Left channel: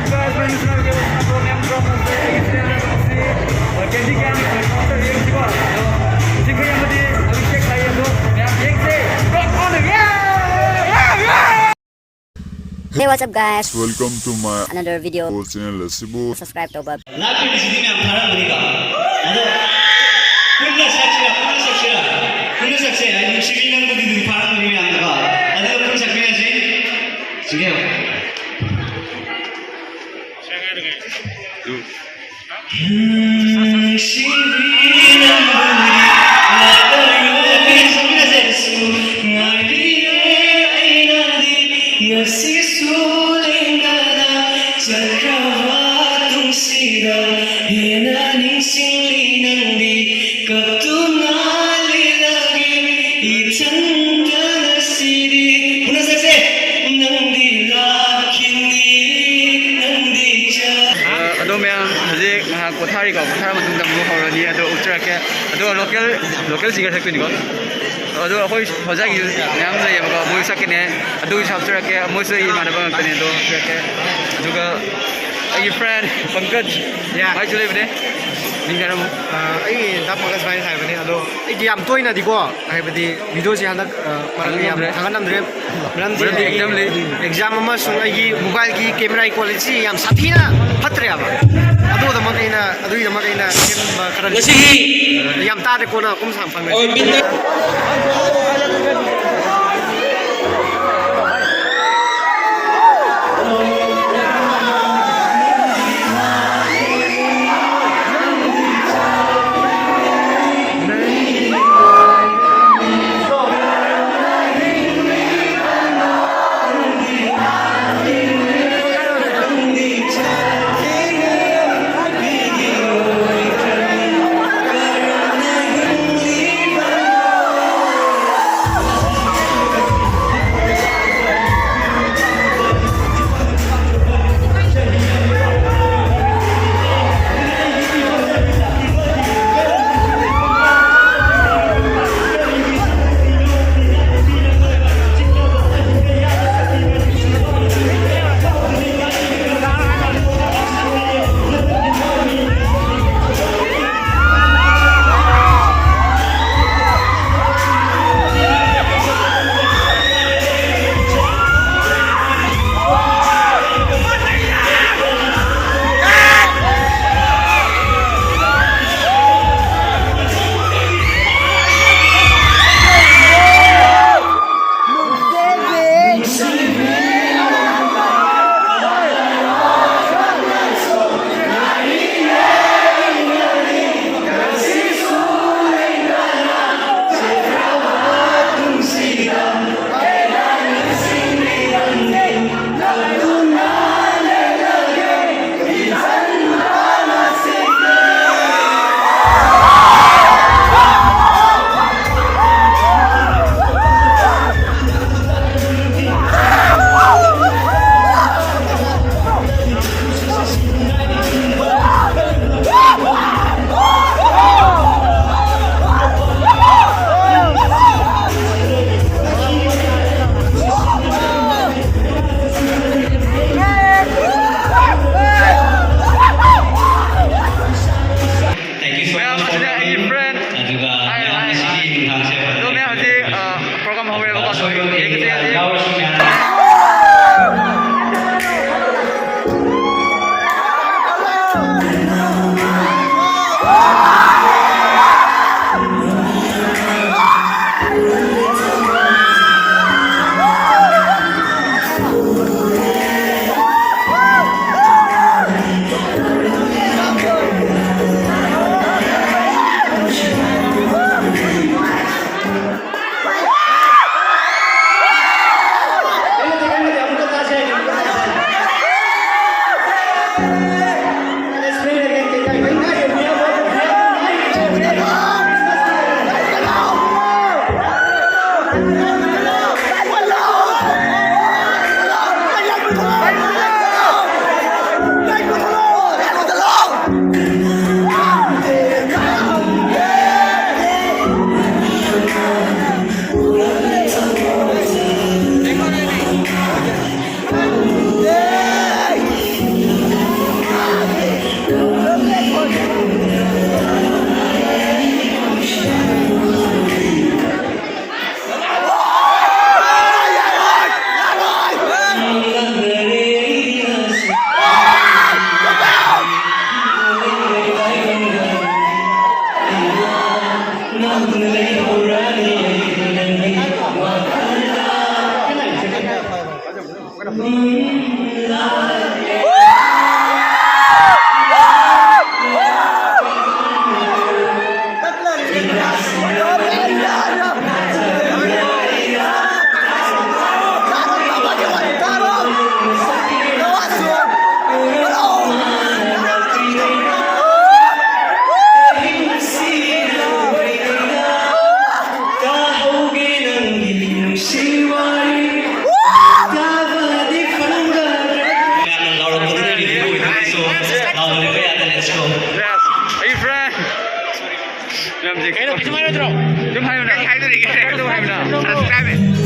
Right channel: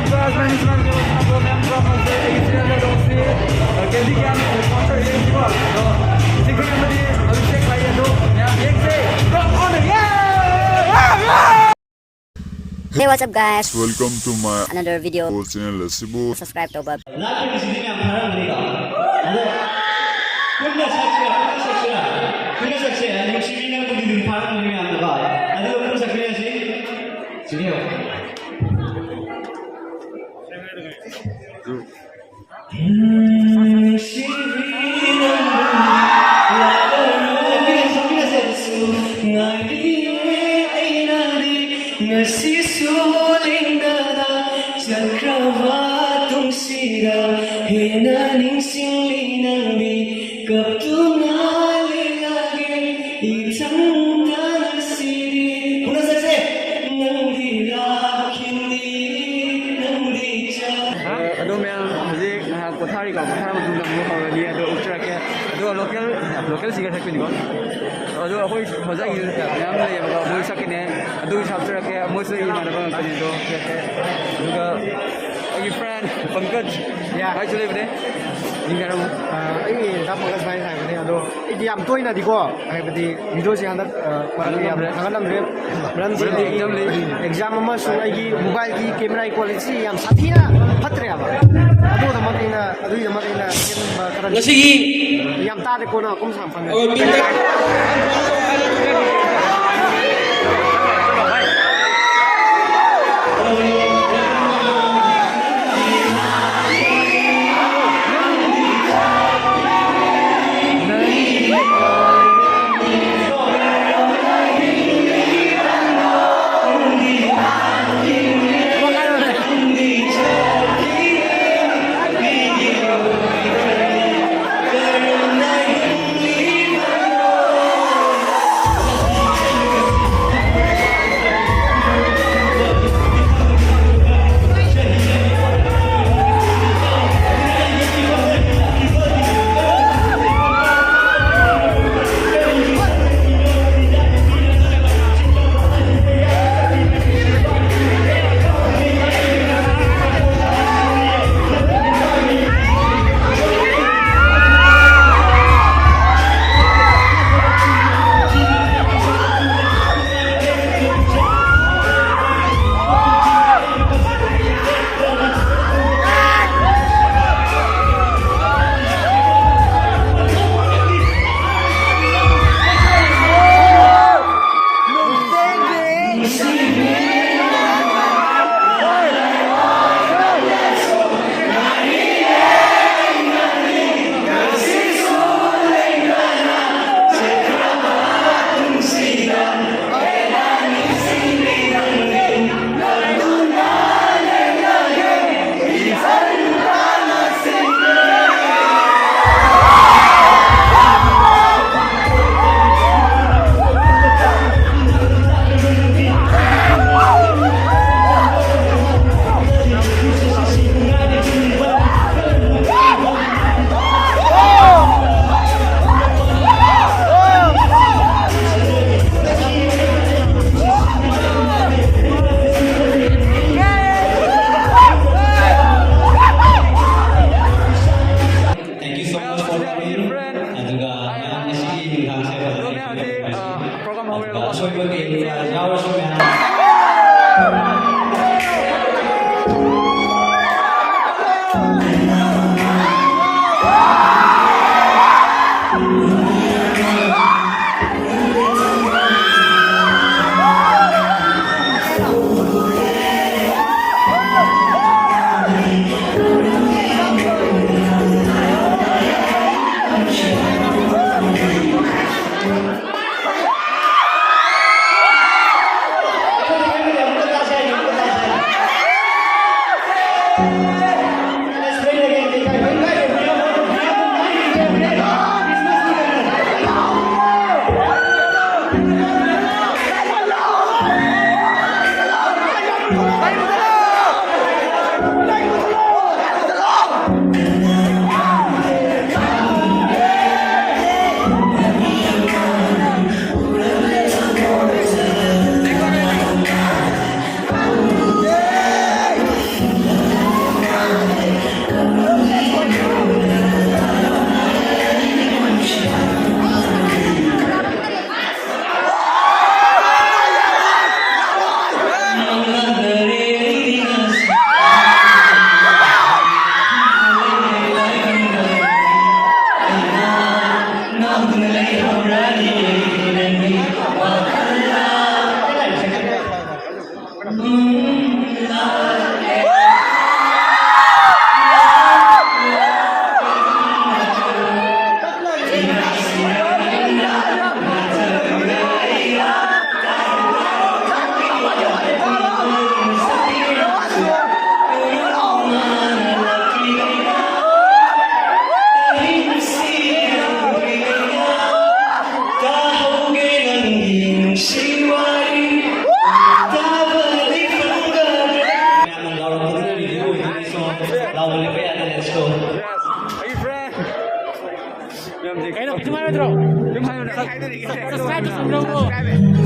up guys, my name is Mark. I'm from Candy Can sponsor here in Singapore. So, Singapore में भी अभिषेक भाई है तो यहाँ एक से rock on yeah. Hey, what's up guys? Welcome to my Another video. channel Lasibu. Subscribe to Bob. local singer sakto ni ko ado hoi hojai yam le yam ko moi sakine adu chap chura ke moi se i mana bang tane do ke adu ga ai friend pankaj yeah ai chule bne ninga ram ai da pankaj bhai sai bane ado ai yam toina di ko ai badi video si handak parang yam thangan nam dre ram exam ama sung ai mobile ki camera quality yam sathina phatre aba adu da makaina karan yam ta de ko na kum sam phang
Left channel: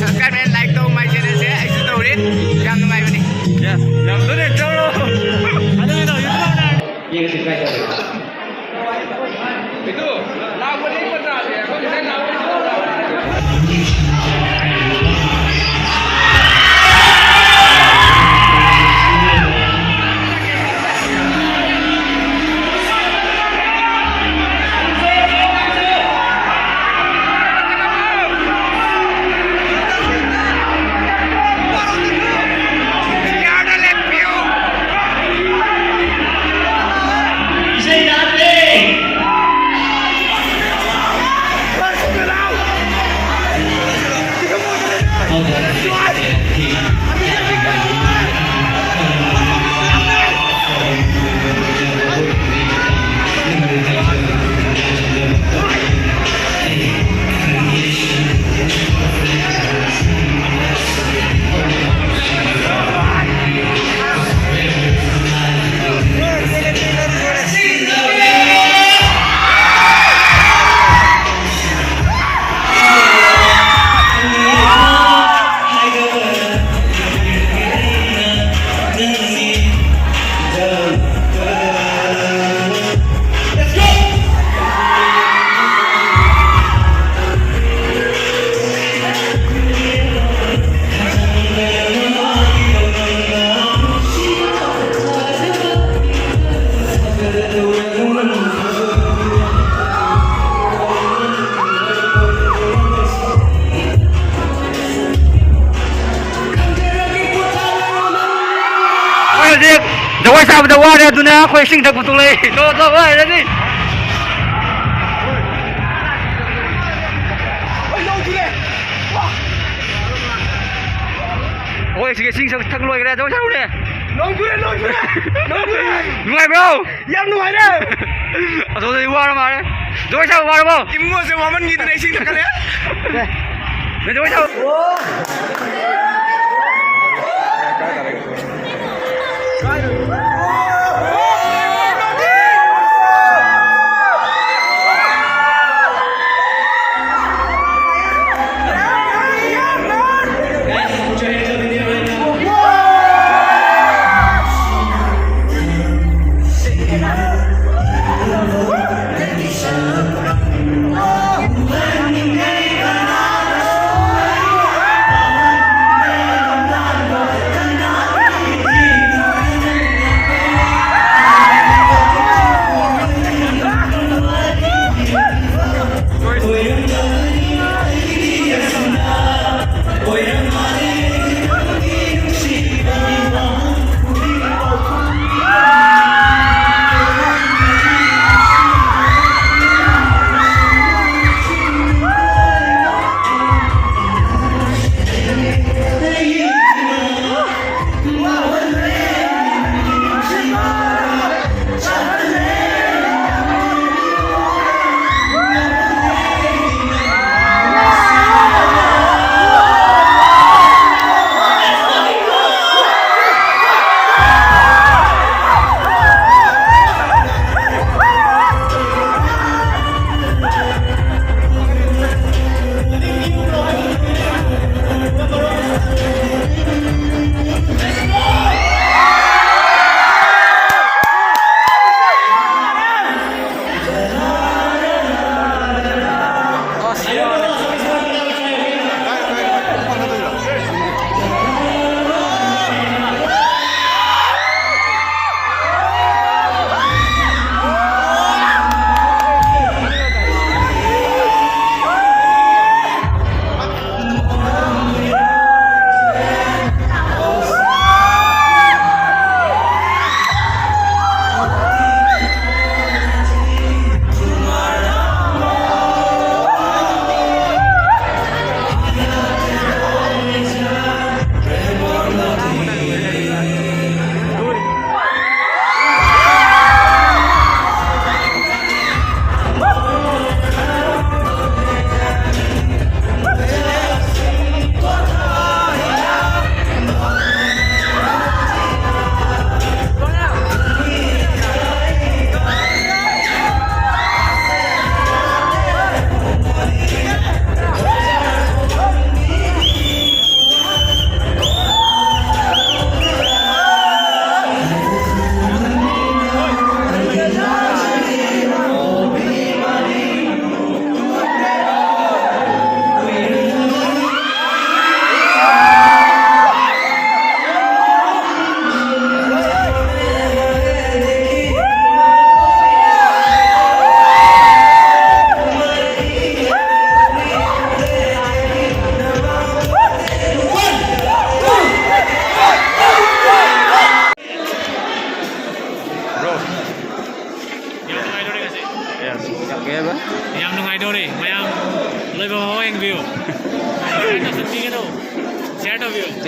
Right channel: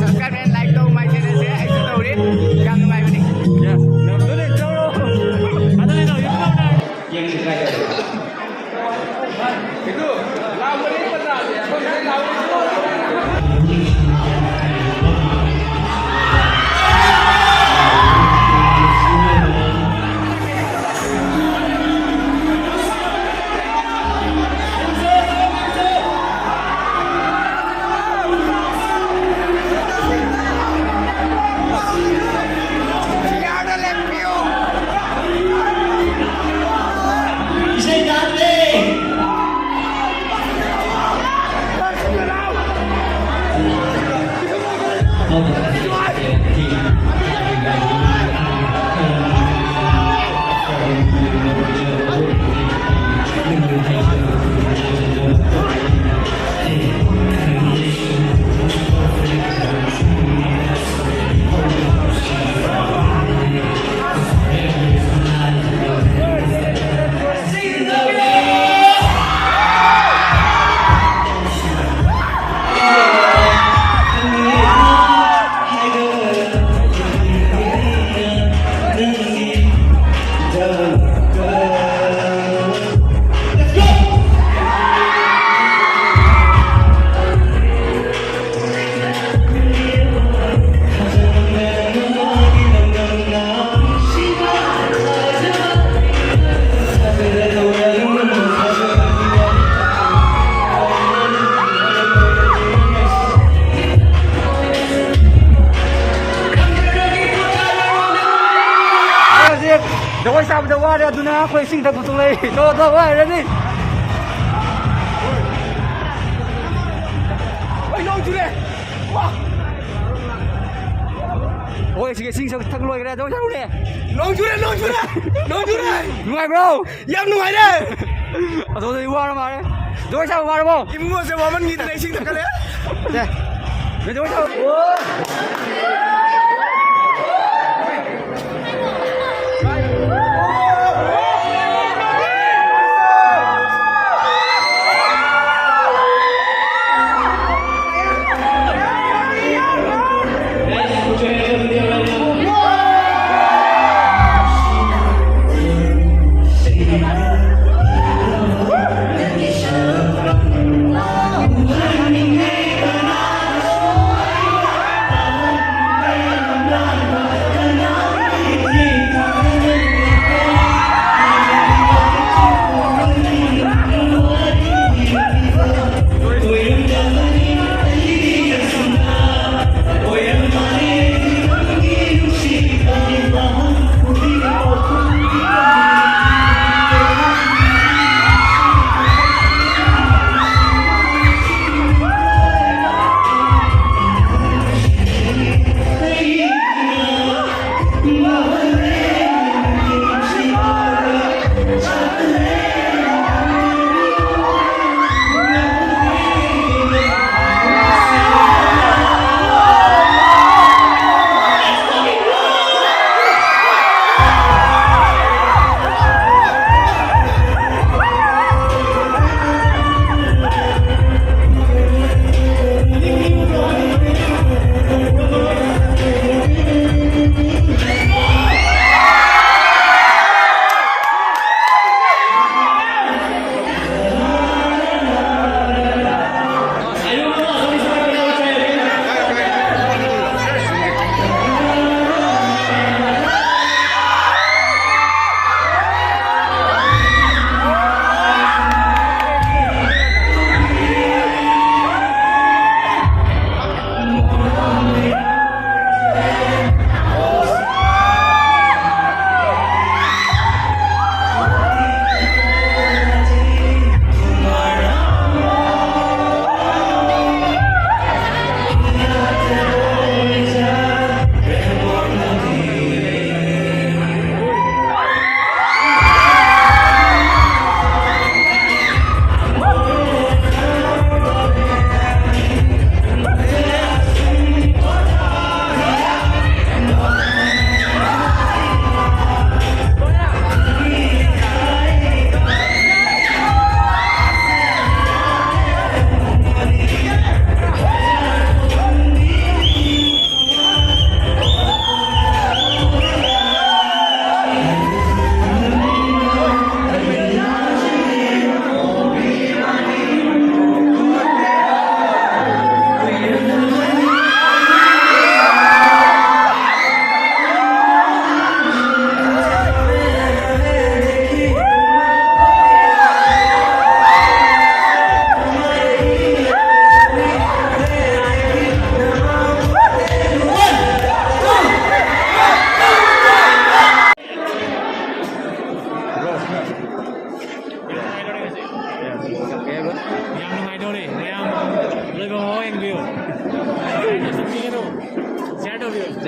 subscribe and like to my channel se ai su tawre yam nungai bani yam to ne chalo itu lawan ni pernah Dawai sa dawai dia tu na aku sing dak betul leh. Tu wai tadi. Oi sing tak loi ke dawai sa ni. Long jure. Nuai bro. Yang nuai dah. Aduh tu war ma le. Dawai sa war bro. Imu se momen gitu na sing tak le. Deh. Dawai sa. Oh.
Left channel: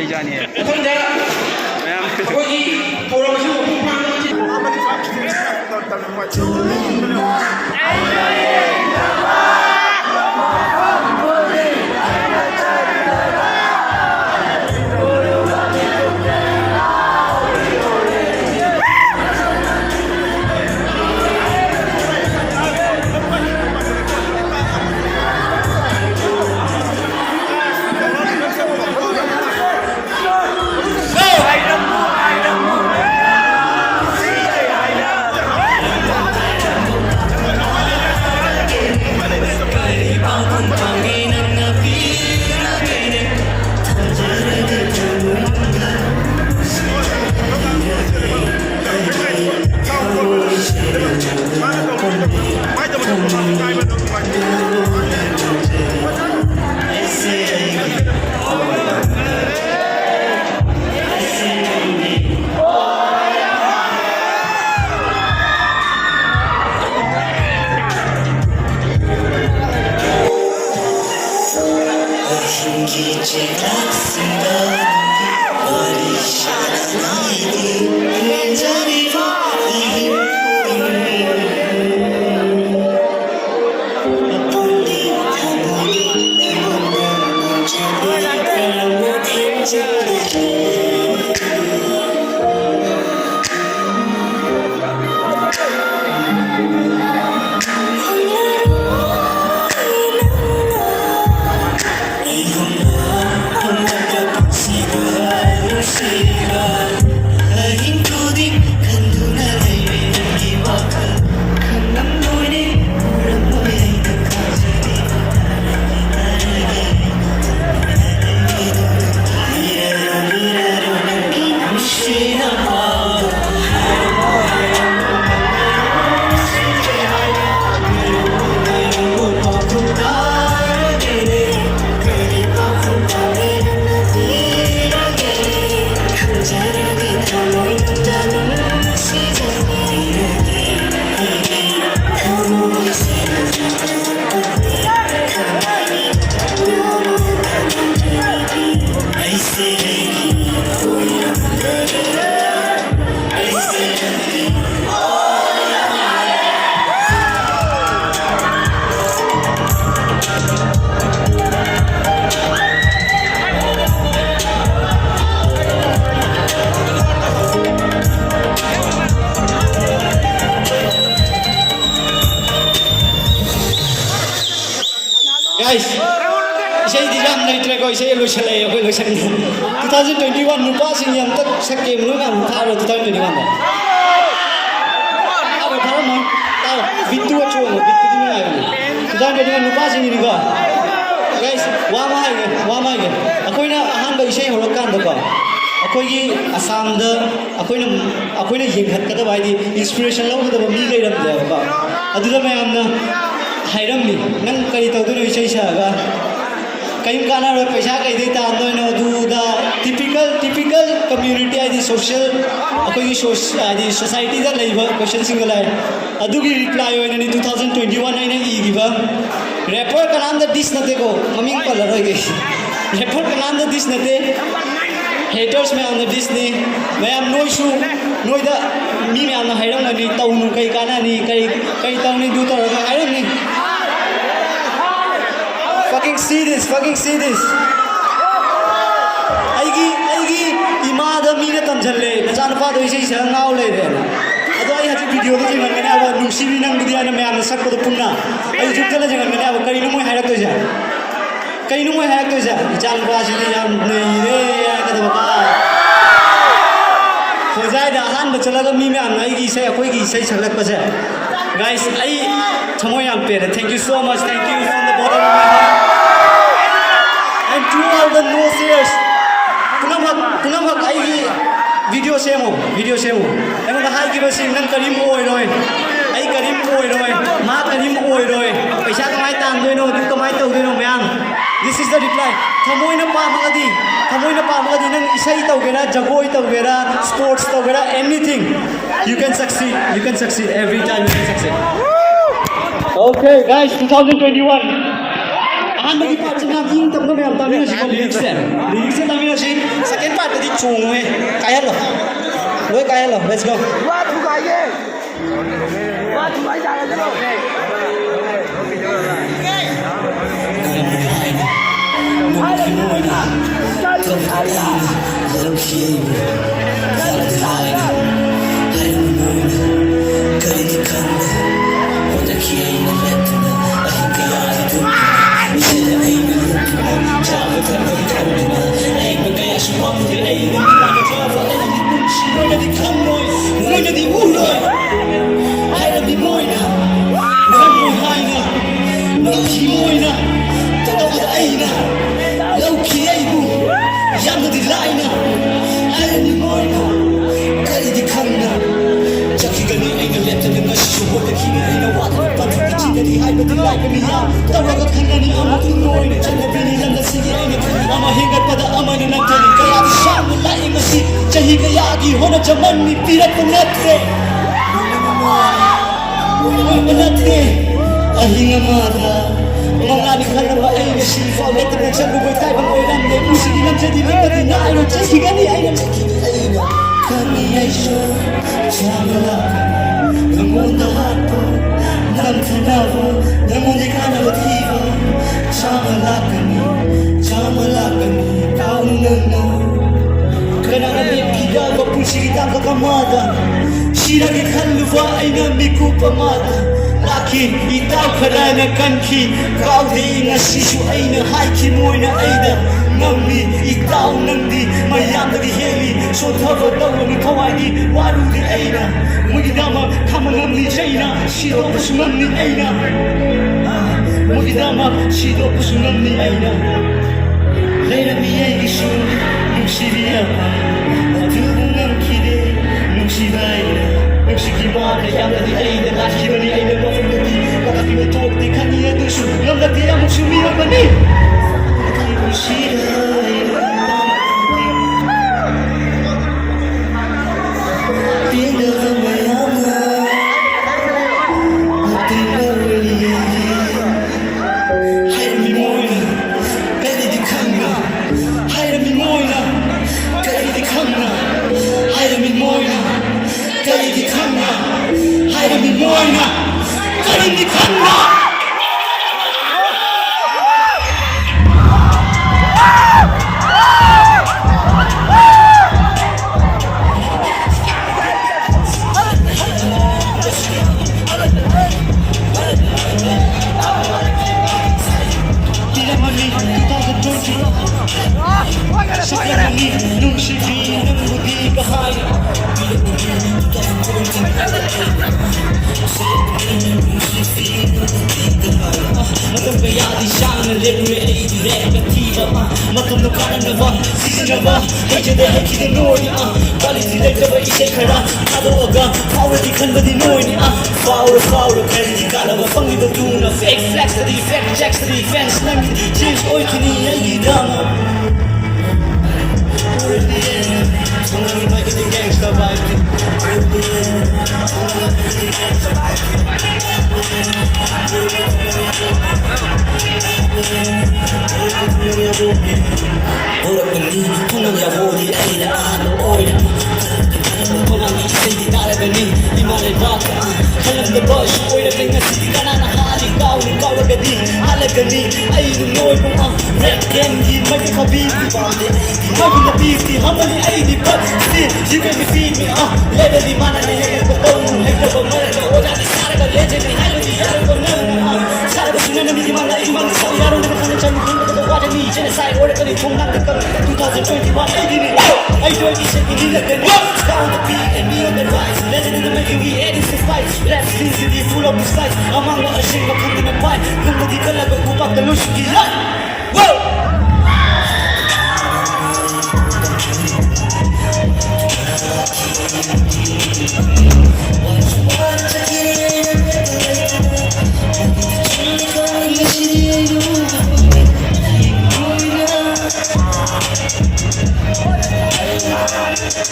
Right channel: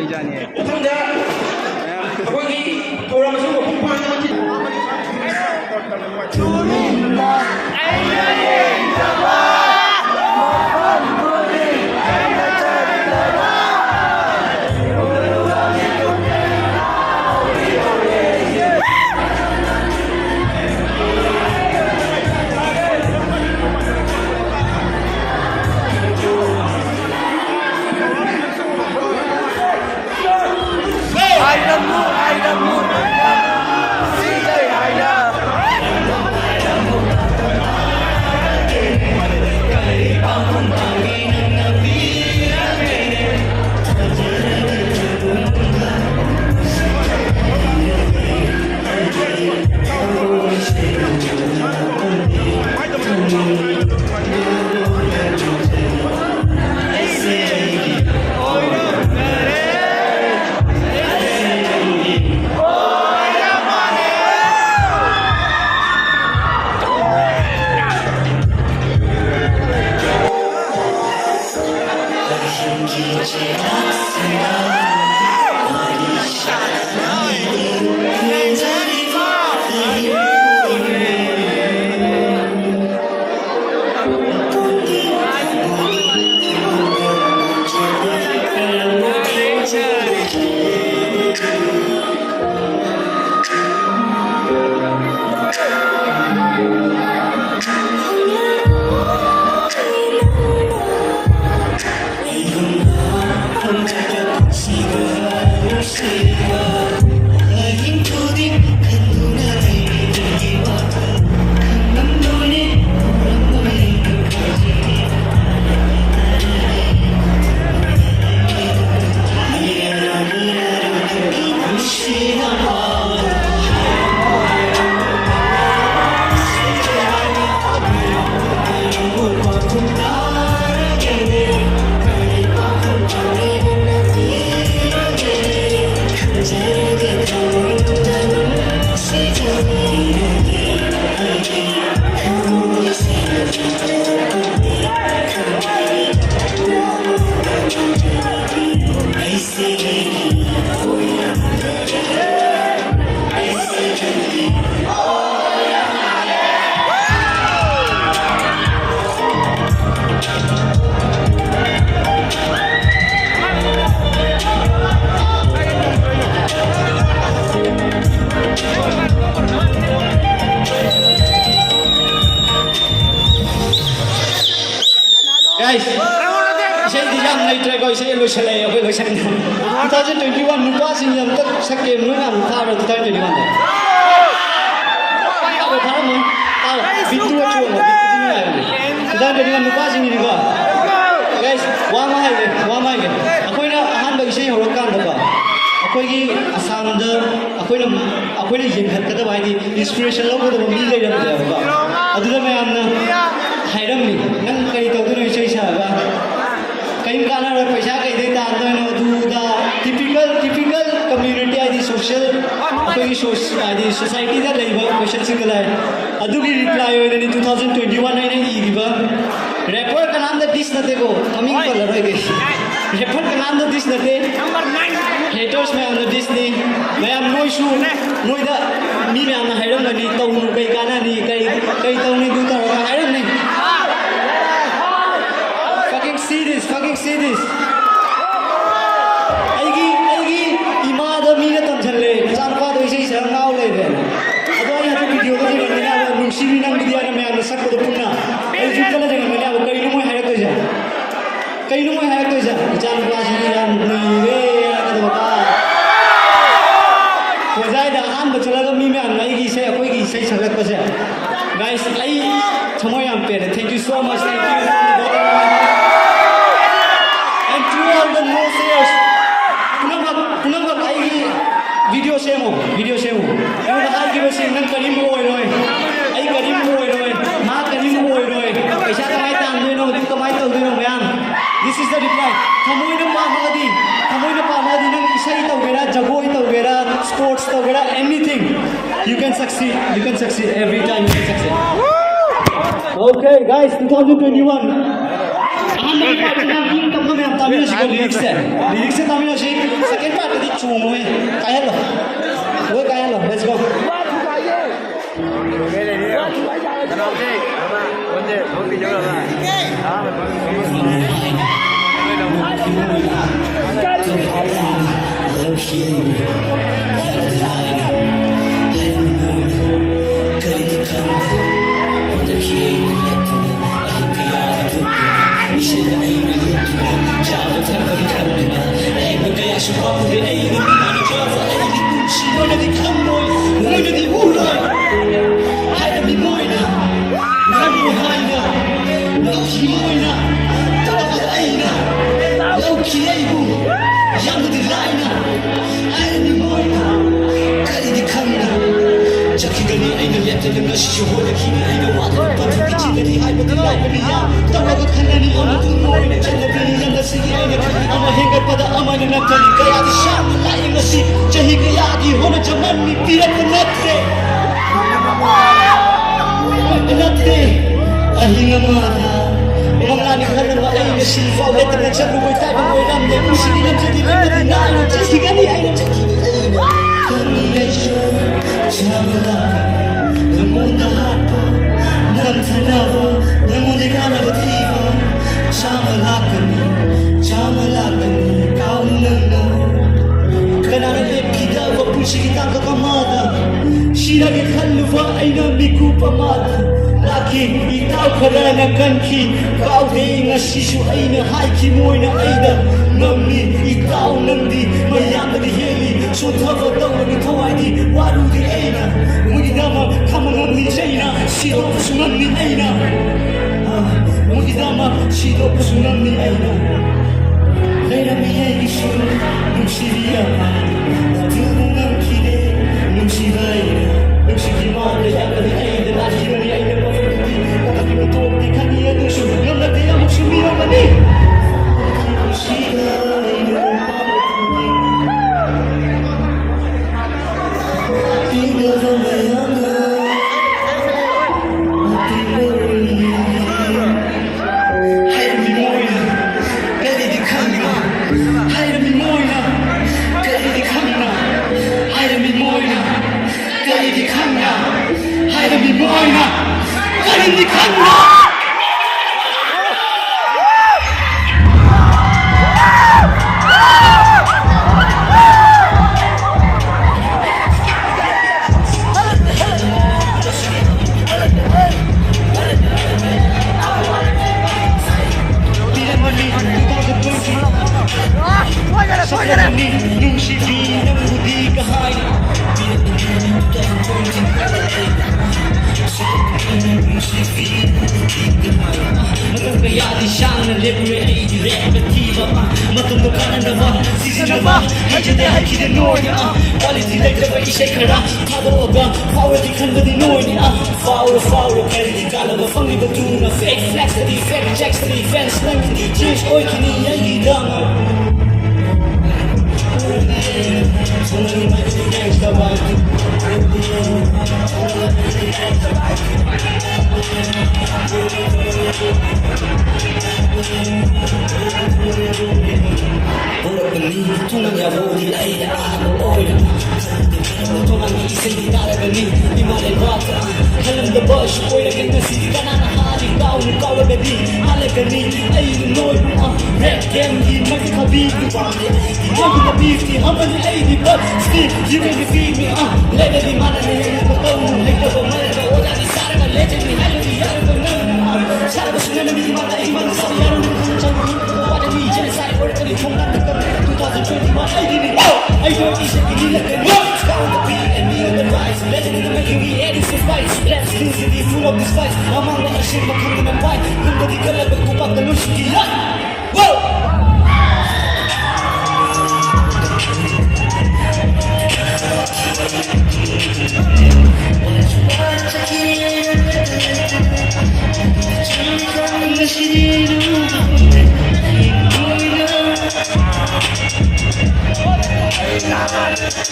ꯃꯩꯖꯥꯅꯤ ꯃꯌꯥꯝ Guys, isai di jam nai try ko isai lo selai apa lo selai. 2021 nupa sing yang tak sakem nu kan tharo 2021 da. Apa tharo mo? Tahu bitu acho mo bitu ni ya. 2021 nupa sing ni ga. Guys, wa mai ga. Akoi na ahan ba isai horo kan da ba. Akoi gi Assam da akoi na yeng khat ka da bai di inspiration lo da mi lai ram da ba. Adu da mai amna Hiram ni, nang kari tahu tu ni saya siapa. Kayu kana ro paisa kai dei ta ando no du da typical community adi social koi adi society da leiba question single ai. Adu ki reply hoina ni 2021 ai na i giba. Rapper ka naam da dis na ko coming color hoi gai. Rapper ka naam da dis na te. Haters me on the Disney. मैं am noi da mi me am Hiram na ni tau nu kai kana ni kai tau ni du ta Hiram ni. Fucking see this. Aigi imada mi na tam challe. Chan pa do isai sa ngau le de. Ado ai hatu video ko ji mane aba nusi ni nang dia na me am sak ko punna. Ai ju kala jana me aba kai nu mo harak to ja. Chan pa ji ni am nei re ka do ba. Hojai da han ba chala ga mi me am ai gi sai akoi gi sai chalak pa ja. Guys, ai thamoy am pe. Thank you so much. Thank you from the bottom of my heart. And to all the no sayers, kunang ai video semo. Emo da hai ki ba sim nang karim oi roi. Ai karim oi roi. Ma karim oi roi. Paisa kamai tan doi no, kamai tau doi no man. This is the reply. Thamoy na pa magadi nang isai tau gera, jagoi tau gera, sports tau gera, anything. You can succeed. Every time you can succeed. Okay, guys, 2021. ꯑꯍꯥꯟꯕꯒꯤ ꯄꯥꯔꯠꯁꯤꯅ ꯏꯪ ꯇꯞꯅ ꯃꯌꯥꯝ ꯇꯥꯃꯤꯟꯅꯁꯤꯀꯣ ꯂꯤꯔꯤꯛꯁꯦ ꯇꯥꯃꯤꯟꯅꯁꯤ second ꯄꯥꯔꯠꯇꯗꯤ ꯆꯣꯡꯉꯨꯍꯦ ꯀꯥꯏꯍꯜꯂꯣ ꯂꯣꯏ ꯀꯥꯏꯍꯜꯂꯣ let's ꯒꯣ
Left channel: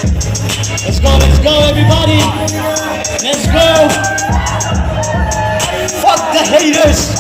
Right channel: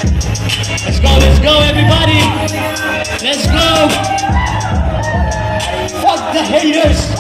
Let's go, everybody. Let's go. Fuck the haters.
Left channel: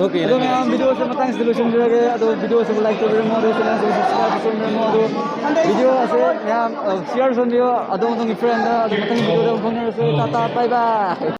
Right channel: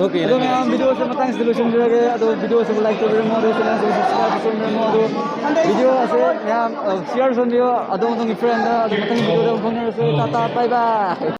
Aduh, memang video saya matang solution juga. Aduh, video saya like to beri mau, channel saya subscribe to beri mau. Aduh, video saya yang share video. Aduh, untuk friend, aduh matang video dah phone saya. Tata, bye bye.